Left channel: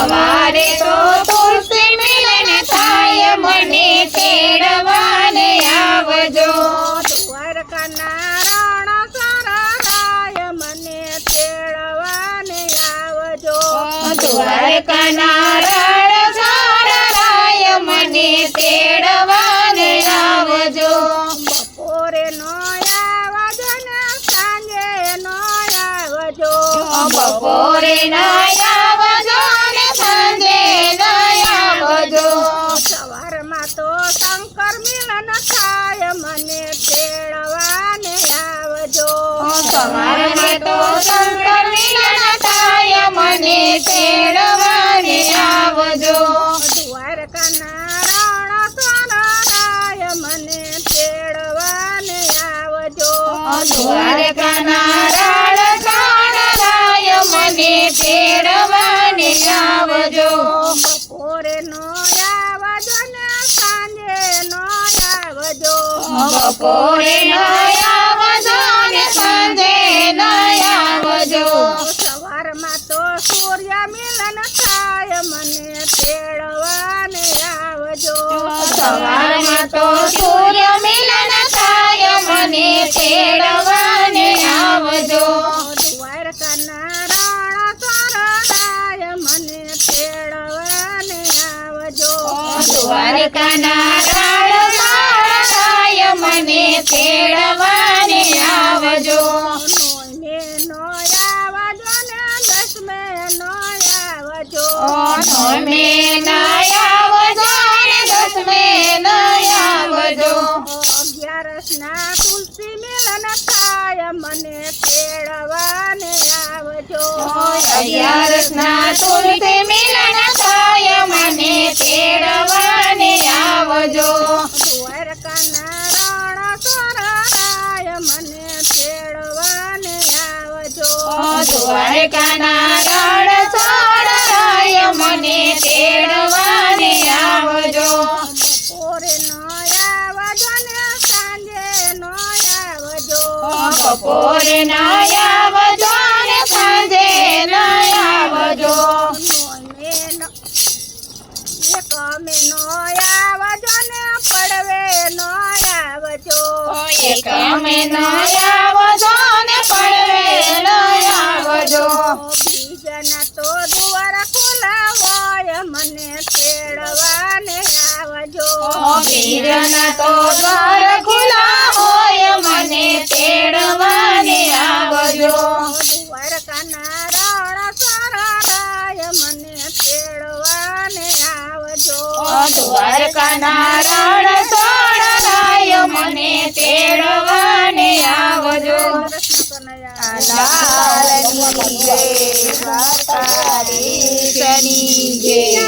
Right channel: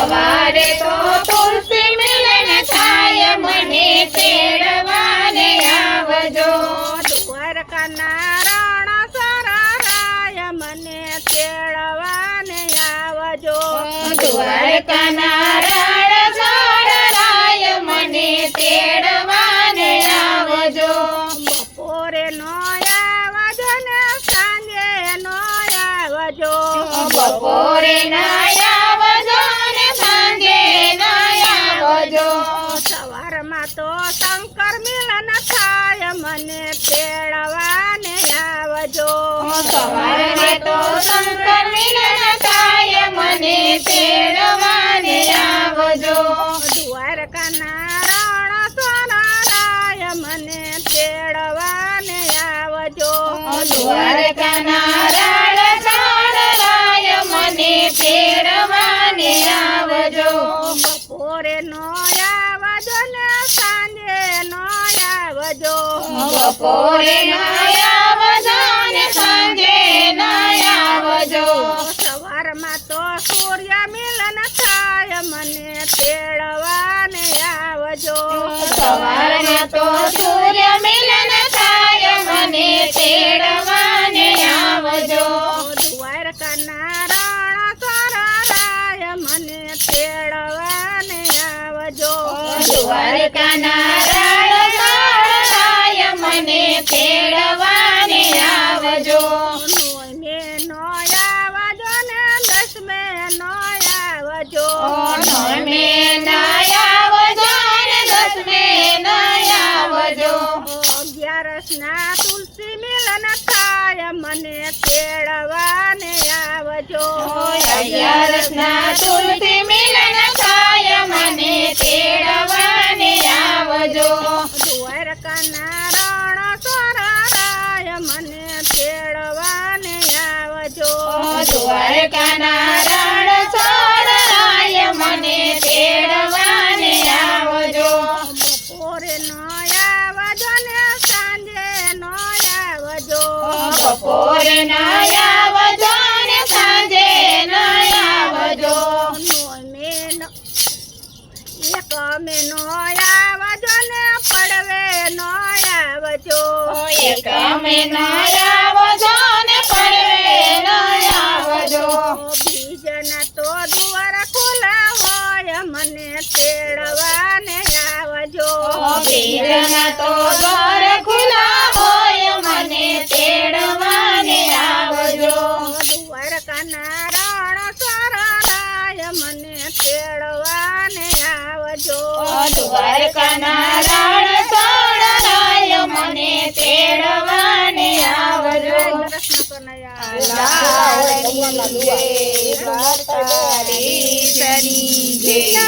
સવારે તો તુલસી મિલન થાય મને તેડવાને આવજો દ્વારકાના રણ સરારાય મને તેડવાને આવજો દ્વારકાના રણ સરારાય મને તેડવાને આવજો બપોરે નો આવજો ને સાંજે નો આવજો બપોરે ના આવજો ને સાંજે ના આવજો સવારમાં તો શંકર મિલન થાય મને તેડવાને આવજો સવારે તો શંકર મિલન થાય મને તેડવાને આવજો દ્વારકાના રણ સરારાય મને તેડવાને આવજો દ્વારકાના રણ સરારાય મને તેડવાને આવજો બપોરે નો આવજો ને સાંજે નો આવજો બપોરે ના આવજો ને સાંજે ના આવજો સવારમાં તો સૂર્ય મિલન થાય મને તેડવાને આવજો સવારમાં તો સૂર્ય મિલન થાય મને તેડવાને આવજો દ્વારકાના રણ સરારાય મને તેડવાને આવજો દ્વારકાના રણ સરારાય મને તેડવાને આવજો નોમે નો આવજો ને દસમે નો આવજો નોમે ના આવજો ને દસમે ના આવજો અગિયારસના તુલસી મિલન થાય મને તેડવાને આવજો અગિયારસના તુલસી મિલન થાય મને તેડવાને આવજો દ્વારકાના રણ સરારાય મને તેડવાને આવજો દ્વારકાના રણ સરારાય મને તેડવાને આવજો બપોરે નો આવજો ને સાંજે નો આવજો બપોરે ના આવજો ને સાંજે ના આવજો નોમે નો એકમે નો આવજો ને પડવે નો આવજો એકમે ના આવજો ને પડવે ના આવજો બીજના તો દ્વાર ખુલ્લા હોય મને તેડવાને આવજો બીજના તો દ્વાર ખુલ્લા હોય મને તેડવાને આવજો દ્વારકાના રણ સરારાય મને તેડવાને આવજો દ્વારકાના રણ સરારાય મને તેડવાને આવજો કૃષ્ણ કનૈયા લાલની જય દ્વારકાધીશની જય